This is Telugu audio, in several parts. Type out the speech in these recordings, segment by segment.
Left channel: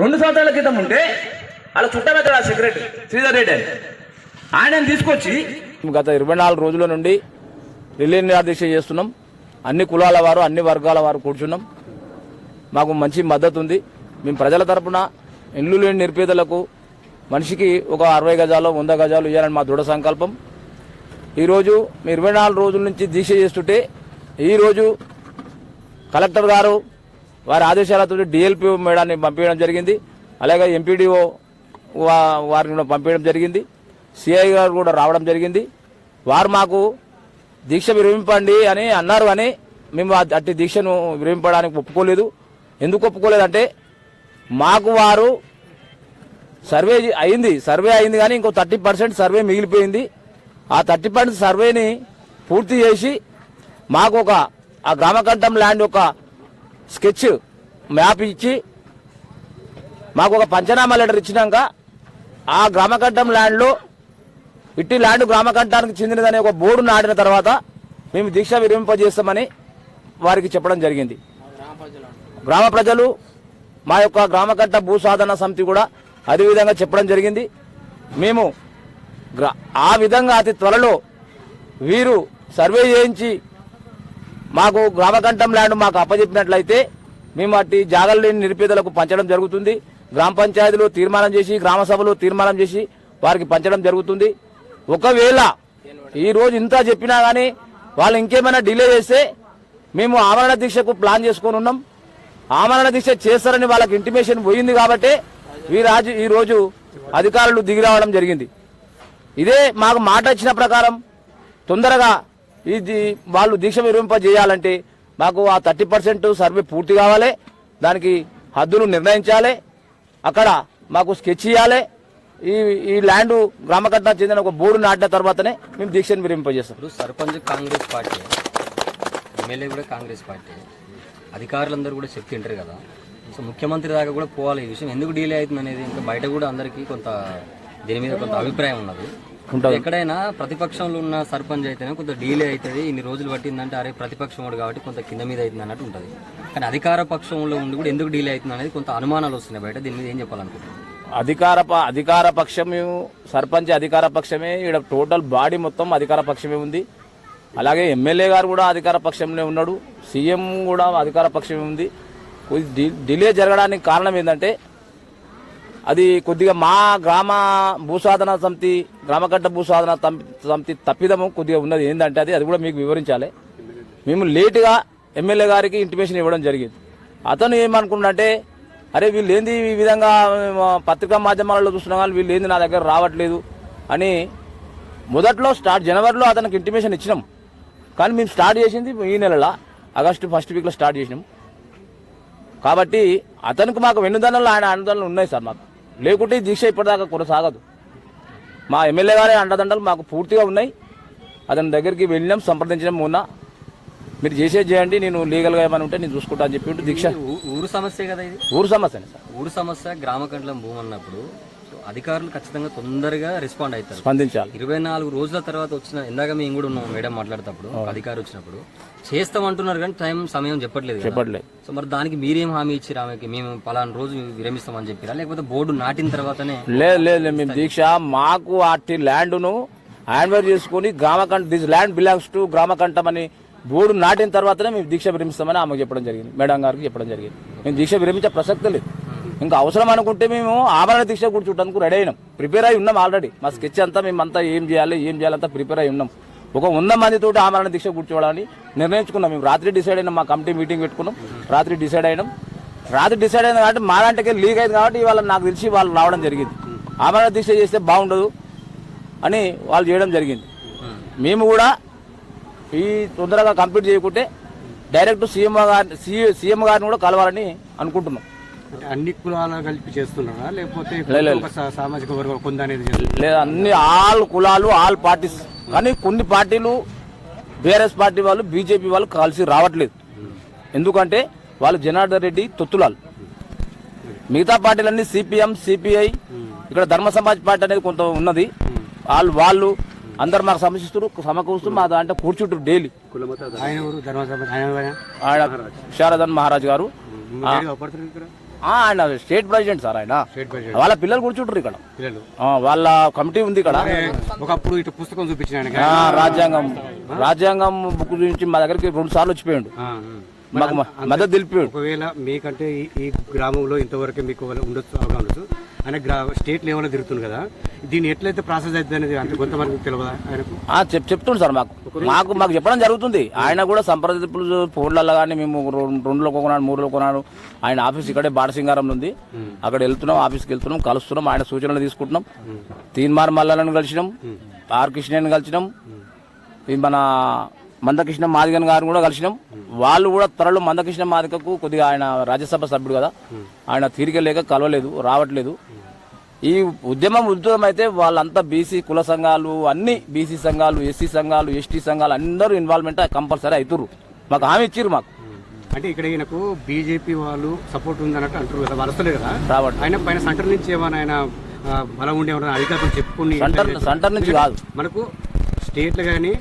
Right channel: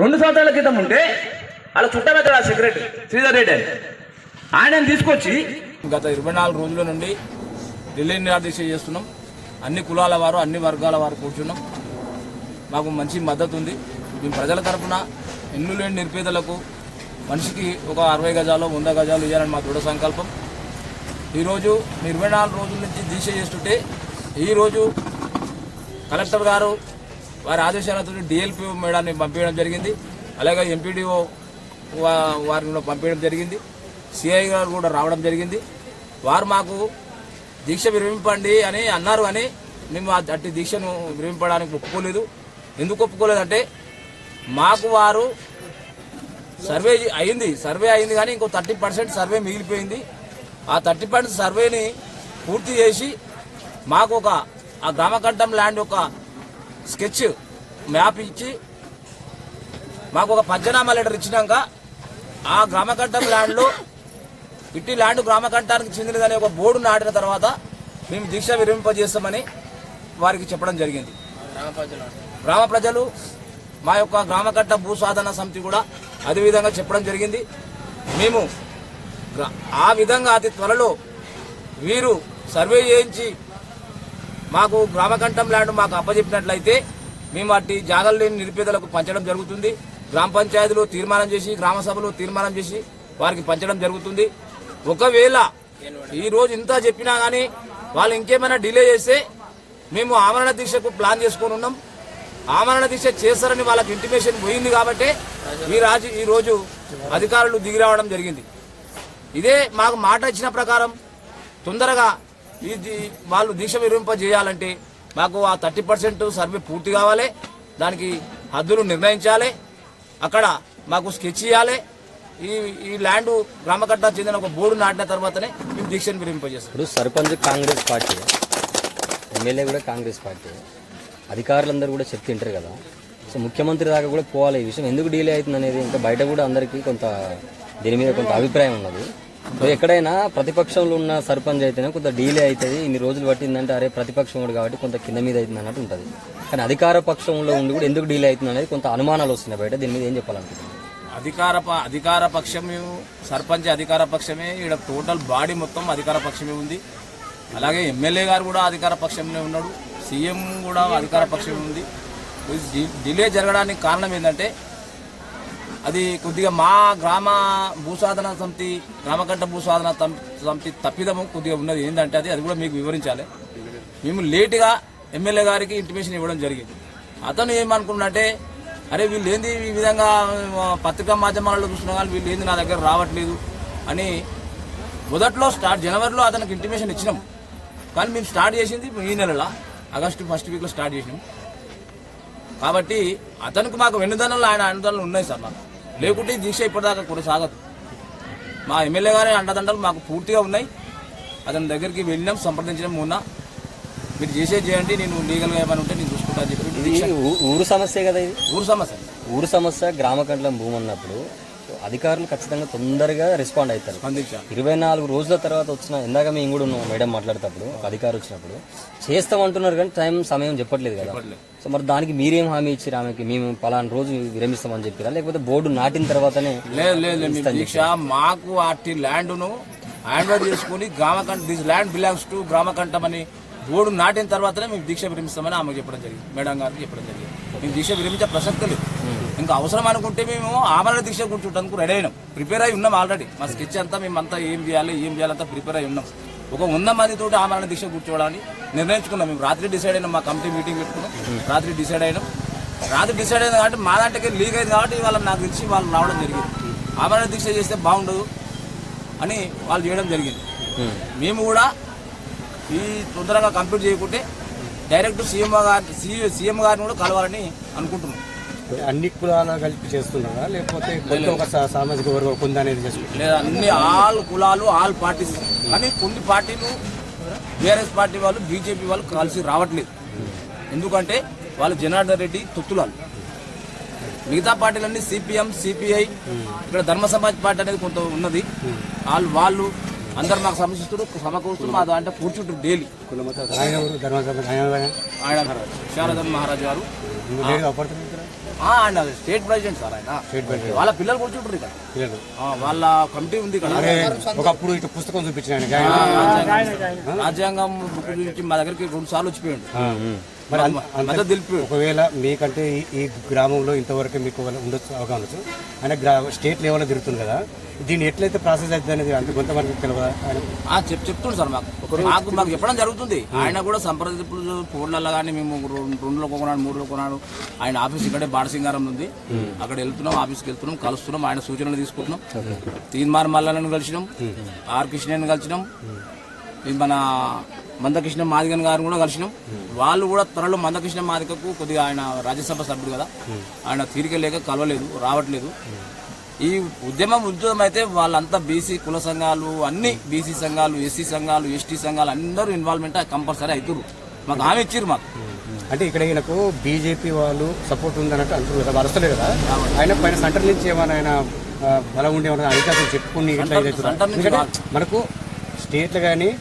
2 సంవత్సరాల క్రితం ఉంటే వాళ్ళ చుట్టమెత్తాడు ఆ సెక్రటరీ శ్రీధర్ రెడ్డి అని ఆయన తీసుకొచ్చి గత 24 రోజుల నుండి ఢిల్లీ నిరాదీక్ష చేస్తున్నాం. అన్ని కులాల వారు అన్ని వర్గాల వారు కూర్చున్నాం. మాకు మంచి మద్దతు ఉంది. మేము ప్రజల తరఫున ఇల్లు లేని నిరుపేదలకు మనిషికి ఒక 60 గజాలు 100 గజాలు ఇవ్వాలని మా దృఢ సంకల్పం. ఈరోజు 24 రోజుల నుంచి దీక్ష చేస్తుంటే ఈరోజు కలెక్టర్ గారు వారి ఆదేశాలతో డిఎల్పిఓ మేడాన్ని పంపించడం జరిగింది. అలాగే ఎంపీడీఓ వారిని కూడా పంపించడం జరిగింది. సిఐ గారు కూడా రావడం జరిగింది. వారు మాకు దీక్ష విరమింపండి అని అన్నారు. అని మేము అట్టి దీక్షను విరమింపడానికి ఒప్పుకోలేదు. ఎందుకు ఒప్పుకోలేదంటే మాకు వారు సర్వే అయింది కానీ ఇంకో 30% సర్వే మిగిలిపోయింది. ఆ 30% సర్వేని పూర్తి చేసి మాకు ఆ గ్రామకంఠం ల్యాండ్ ఒక స్కెచ్ మ్యాప్ ఇచ్చి మాకు ఒక పంచనామా లెటర్ ఇచ్చినాక ఆ గ్రామకంఠం ల్యాండ్లో ఇట్టి ల్యాండ్ గ్రామకంఠానికి చెందినదని ఒక బోర్డు నాటిన తర్వాత మేము దీక్ష విరమింపజేస్తామని వారికి చెప్పడం జరిగింది. గ్రామ ప్రజలు మా యొక్క గ్రామకంఠ భూ సాధన సమితి కూడా అదే విధంగా చెప్పడం జరిగింది. మేము ఆ విధంగా అతి త్వరలో వీరు సర్వే చేయించి మాకు గ్రామకంఠం ల్యాండ్ మాకు అప్పచెప్పినట్లయితే మేము అట్టి జాగలు లేని నిరుపేదలకు పంచడం జరుగుతుంది. గ్రామ పంచాయతీలో తీర్మానం చేసి గ్రామ సభలో తీర్మానం చేసి వారికి పంచడం జరుగుతుంది. ఒకవేళ ఈ రోజు ఇంత చెప్పినా గానీ వాళ్ళు ఇంకేమైనా డిలే చేస్తే మేము ఆమరణ దీక్షకు ప్లాన్ చేసుకుని ఉన్నాం. ఆమరణ దీక్ష చేస్తారని వాళ్ళకి ఇంటిమేషన్ పోయింది కాబట్టి ఈ రోజు అధికారులు దిగి రావడం జరిగింది. ఇదే మాకు మాట ఇచ్చిన ప్రకారం తొందరగా వాళ్ళు దీక్ష విరమింపజేయాలంటే మాకు ఆ 30% సర్వే పూర్తి కావాలి. దానికి హద్దులు నిర్ణయించాలి. అక్కడ మాకు స్కెచ్ చేయాలి. ఈ ల్యాండ్ గ్రామకర్త చెందిన ఒక బోర్డు నాటిన తర్వాతనే మేము దీక్షను విరమింపజేస్తాం. సర్పంచ్ కాంగ్రెస్ పార్టీ, ఎమ్మెల్యే కూడా కాంగ్రెస్ పార్టీ, అధికారులందరూ కూడా శక్తి ఉంటారు కదా. సో ముఖ్యమంత్రి దాకా కూడా పోవాలి. ఈ విషయం ఎందుకు డిలే అవుతుంది అనేది ఇంకా బయట కూడా అందరికీ కొంత దీని మీద కొంత అభిప్రాయం ఉన్నది. ఎక్కడైనా ప్రతిపక్షంలో ఉన్న సర్పంచ్ అయితేనే కొంత డీలే అవుతుంది. ఇన్ని రోజులు పట్టిందంటే అరే ప్రతిపక్షంలో కాబట్టి కొంత కింద మీద అవుతుంది అన్నట్టు ఉంటుంది. కానీ అధికార పక్షంలో ఉండి కూడా ఎందుకు డీలే అవుతుంది అనేది కొంత అనుమానాలు వస్తున్నాయి బయట. దీని మీద ఏం చెప్పాలంటే అధికార పక్షమే సర్పంచ్ అధికార పక్షమే. ఇక్కడ టోటల్ బాడీ మొత్తం అధికార పక్షమే ఉంది. అలాగే ఎమ్మెల్యే గారు కూడా అధికార పక్షంలో ఉన్నాడు. సీఎం కూడా అధికార పక్షమే ఉంది. డిలే జరగడానికి కారణం ఏంటంటే అది కొద్దిగా మా గ్రామ భూసాధన సమితి గ్రామకంఠ భూసాధన సమితి తప్పిదము కొద్దిగా ఉన్నది. ఏంటంటే అది కూడా మీకు వివరించాలి. మేము లేటుగా ఎమ్మెల్యే గారికి ఇంటిమేషన్ ఇవ్వడం జరిగింది. అతను ఏమనుకున్నట్టే అరే వీళ్ళు ఏంది ఈ విధంగా పత్రికా మాధ్యమాల్లో చూస్తున్నా కానీ వీళ్ళు ఏది నా దగ్గర రావట్లేదు అని మొదట్లో జనవరిలో అతనికి ఇంటిమేషన్ ఇచ్చినాం. కానీ మేము స్టార్ట్ చేసింది ఈ నెలలో ఆగస్టు ఫస్ట్ వీక్లో స్టార్ట్ చేసినాం. కాబట్టి అతనికి మాకు వెన్నుదనలు ఆయన అండదండలు ఉన్నాయి సార్. నాకు లేకుంటే దీక్ష ఇప్పటిదాకా కొనసాగదు. మా ఎమ్మెల్యే గారి అండదండలు మాకు పూర్తిగా ఉన్నాయి. అతని దగ్గరికి వెళ్ళినాం, సంప్రదించడం మూన మీరు చేయండి, నేను లీగల్గా ఏమైనా ఉంటే నేను చూసుకుంటా అని చెప్పి దీక్ష. ఊరు సమస్య కదా, ఊరు సమస్య గ్రామకంఠం భూమి అన్నప్పుడు అధికారులు ఖచ్చితంగా తొందరగా రెస్పాండ్ అవుతారు, స్పందించాలి. 24 రోజుల తర్వాత వచ్చిన ఇందాక మేము కూడా ఉన్నాం మేడం మాట్లాడేటప్పుడు అధికారులు వచ్చినప్పుడు చేస్తామంటున్నారు కానీ సమయం చెప్పట్లేదు. సో మరి దానికి మీరేం హామీ ఇచ్చారు ఆమెకి? మేము పలానా రోజు విరమిస్తామని చెప్పారా లేకపోతే బోర్డు నాటిన తర్వాతనే? లేదు దీక్ష మాకు వాటి ల్యాండ్ను హ్యాండ్ ఓవర్ చేసుకుని గ్రామకంఠ దిస్ ల్యాండ్ బిలాంగ్స్ టు గ్రామకంఠం అని బోర్డు నాటిన తర్వాతనే మేము దీక్ష విరమిస్తామని ఆమెకు చెప్పడం జరిగింది, మేడం గారికి చెప్పడం జరిగింది. మేము దీక్ష విరమించే ప్రసక్తే లేదు. ఇంకా అవసరం అనుకుంటే మేము ఆమరణ దీక్ష కూర్చుంటానికి రెడీ అయినాం, ప్రిపేర్ అయి ఉన్నాం. ఆల్రెడీ మా స్కెచ్ అంతా మేమంతా ఏం చేయాలంతా ప్రిపేర్ అయి ఉన్నాం. ఒక 100 మందితో ఆమరణ దీక్ష కూర్చోవడానికి నిర్ణయించుకున్నాం. మేము రాత్రి డిసైడ్ అయినాం, మా కమిటీ మీటింగ్ పెట్టుకున్నాం, రాత్రి డిసైడ్ అయినాం. రాత్రి డిసైడ్ అయిన కాబట్టి మా దాంట్లోకి లీక్ అయింది కాబట్టి వాళ్ళు నాకు తెలిసి వాళ్ళు రావడం జరిగింది. ఆమరణ దీక్ష చేస్తే బాగుండదు అని వాళ్ళు చేయడం జరిగింది. మేము కూడా ఈ తొందరగా కంప్లీట్ చేయకుంటే డైరెక్ట్ సీఎం గారిని కూడా కలవాలని అనుకుంటున్నాం. అన్ని కులాలను కలిపి చేస్తున్నారా లేకపోతే సామాజిక వర్గం లేదా? అన్ని ఆల్ కులాలు ఆల్ పార్టీస్. కానీ కొన్ని పార్టీలు బీఆర్ఎస్ పార్టీ వాళ్ళు బీజేపీ వాళ్ళు కలిసి రావట్లేదు. ఎందుకంటే వాళ్ళు జనార్దన్ రెడ్డి తొత్తురాలు. మిగతా పార్టీలన్నీ సిపిఎం సిపిఐ, ఇక్కడ ధర్మ సమాజ్ పార్టీ అనేది కొంత ఉన్నది. వాళ్ళు అందరు మాకు సమకూరుతూ మా దాంట్లో కూర్చుంటారు డైలీ. ఆయన ఎవరు? ఆయన ఆయన శారదన్ మహారాజ్ గారు లేదు అప్పటికి ఆయన స్టేట్ ప్రెసిడెంట్ సార్. ఆయన వాళ్ళ పిల్లలు కూర్చుంటారు ఇక్కడ. లేదు. వాళ్ళ కమిటీ ఉంది కదా. ఒకప్పుడు ఇటు పుస్తకం చూపించాను రాజ్యాంగం గురించి మా దగ్గరికి 2 సార్లు వచ్చిపోయాడు. మద్దతు తెలిపాడు. ఒకవేళ మీకంటే ఈ గ్రామంలో ఇంతవరకు మీకు ఉండొచ్చు అవకాశం అంటే స్టేట్ లెవెల్లో తిరుగుతుంది కదా, దీన్ని ఎట్లయితే ప్రాసెస్ అవుతుంది అనేది అంటే కొంతమంది తెలియదు. చెప్తున్నాడు సార్ మాకు ఎప్పుడైనా జరుగుతుంది. ఆయన కూడా సంప్రదింపులు ఫోన్లలో కానీ మేము 2 కొన్నాడు 3 కొన్నాడు. ఆయన ఆఫీస్ ఇక్కడే బాడసింగారంలో ఉంది. అక్కడ వెళ్తున్నాం, ఆఫీస్కి వెళ్తున్నాం, కలుస్తున్నాం, ఆయన సూచనలు తీసుకుంటున్నాం. తీన్మార్ మల్లాలను కలిసినాం, ఆర్ కృష్ణయ్యని కలిసినాం, ఇది మన మందకృష్ణ మాదిగన్ గారిని కూడా కలిసినాం. వాళ్ళు కూడా త్వరలో మందకృష్ణ మాదిగకు కొద్దిగా ఆయన రాజ్యసభ సభ్యుడు కదా, ఆయన తీరికలేక కలవలేదు, రావట్లేదు. ఈ ఉద్యోగం అయితే వాళ్ళంతా బీసీ కుల సంఘాలు, అన్ని బీసీ సంఘాలు, ఎస్సీ సంఘాలు, ఎస్టీ సంఘాలు అందరూ ఇన్వాల్వ్మెంట్ కంపల్సరీ అవుతారు. మాకు హామీ ఇచ్చారు. మాకు అంటే ఇక్కడ ఈయనకు బీజేపీ వాళ్ళు సపోర్ట్ ఉందన్నట్టు అంటున్నారు. వస్తలేదు కదా కాబట్టి ఆయన పైన సెంటర్ నుంచి ఏమైనా ఆయన బలం ఉండి ఏమైనా అధికారులు చెప్పుకుని మనకు స్టేట్ కానీ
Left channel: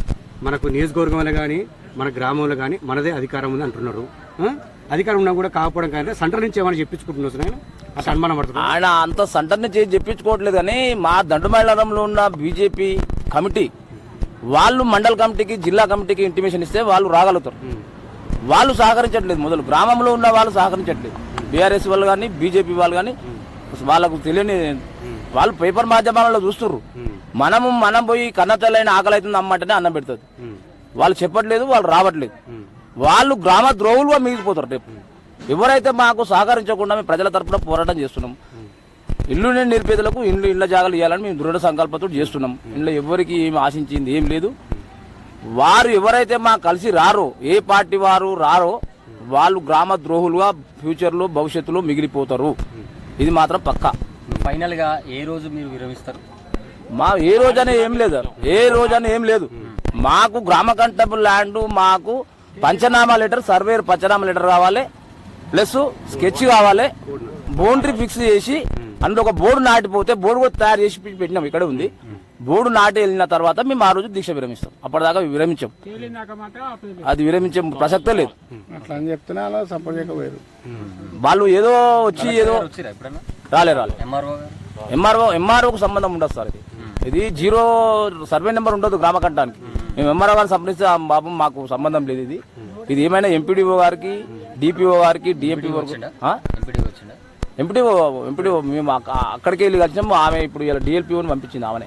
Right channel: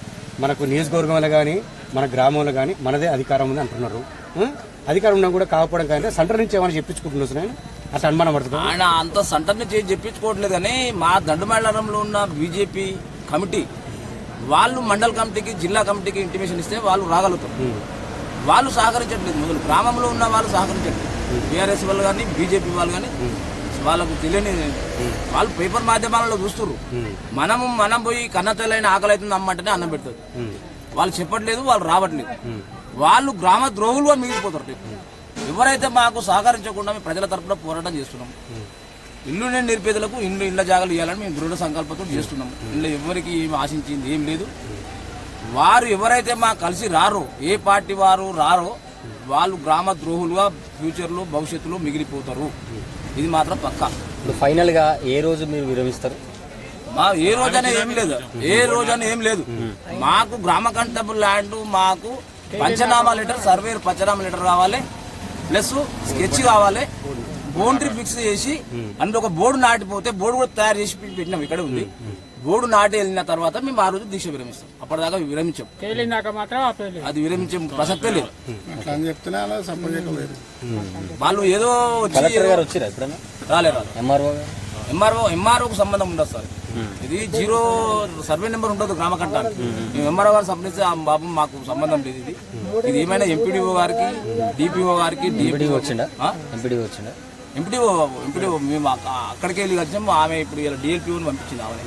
మనకు నియోజకవర్గంలో కానీ మన గ్రామంలో కానీ మనదే అధికారం ఉంది అంటున్నాడు. అధికారం ఉన్నా కూడా కాకపోవడం కానీ సెంటర్ నుంచి ఏమైనా చెప్పించుకుంటున్నారు. ఆయన అంత సెంటర్ నుంచి చెప్పించుకోవట్లేదు. కానీ మా దండమేళంలో ఉన్న బీజేపీ కమిటీ వాళ్ళు మండల కమిటీకి, జిల్లా కమిటీకి ఇంటిమేషన్ ఇస్తే వాళ్ళు రాగలుగుతారు. వాళ్ళు సహకరించట్లేదు. మొదలు గ్రామంలో ఉన్న వాళ్ళు సహకరించట్లేదు. బీఆర్ఎస్ వాళ్ళు కానీ బీజేపీ వాళ్ళు కానీ వాళ్ళకు తెలియని వాళ్ళు పేపర్ మాధ్యమాలలో చూస్తున్నారు. మనం పోయి కన్నతలైన ఆకలి అవుతుంది అమ్మంటేనే అన్న పెడుతుంది. వాళ్ళు చెప్పట్లేదు, వాళ్ళు రావట్లేదు. వాళ్ళు గ్రామ ద్రోహులుగా మిగిలిపోతారు. రేపు ఎవరైతే మాకు సహకరించకుండా మేము ప్రజల తరఫున పోరాటం చేస్తున్నాం. ఇల్లు లేని నిరుపేదలకు ఇళ్ళ జాగాలు ఇవ్వాలని మేము దృఢ సంకల్పంతో చేస్తున్నాం. ఇందులో ఎవరికి ఏమి ఆశించింది ఏం లేదు. వారు ఎవరైతే మా కలిసి రారో, ఏ పార్టీ వారు రారో, వాళ్ళు గ్రామ ద్రోహులుగా ఫ్యూచర్ లో భవిష్యత్తులో మిగిలిపోతారు. ఇది మాత్రం పక్కా. ఫైనల్ గా ఏ రోజు మీరు విరమిస్తారు? మా ఏ రోజు అని ఏం లేదు, ఏ రోజు అని ఏం లేదు. మాకు గ్రామ కంటబుల్ ల్యాండ్, మాకు పంచనామా లెటర్, సర్వే పంచనామా లెటర్ రావాలి, ప్లస్ స్కెచ్ కావాలి, బౌండరీ ఫిక్స్ చేసి అందులో ఒక బోర్డు నాటిపోతే బోర్డు కూడా తయారు చేసి పెట్టినాం. ఇక్కడ ఉంది బోర్డు నాటి వెళ్ళిన తర్వాత మేము ఆ రోజు దీక్ష విరమిస్తాం. అప్పటిదాకా విరమించాం. అది విరమించే ప్రసక్తే లేదు. వాళ్ళు ఏదో వచ్చి రాలే ఎంఆర్ఓకు సంబంధం ఉండదు సార్. ఇది 0 సర్వే నెంబర్ ఉండదు గ్రామ కట్టానికి. మేము ఎంఆర్ఓ గారు సంప్రదించి బాబు మాకు సంబంధం లేదు. ఇది ఏమైనా ఎంపీడీఓ గారికి, డిపిఓ గారికి, డిఎండిఓ ఎంపీడీఓ మేము అక్కడికి వెళ్ళి వచ్చినాము. ఆమె ఇప్పుడు డిఎల్పీఓని పంపించింది. ఆమె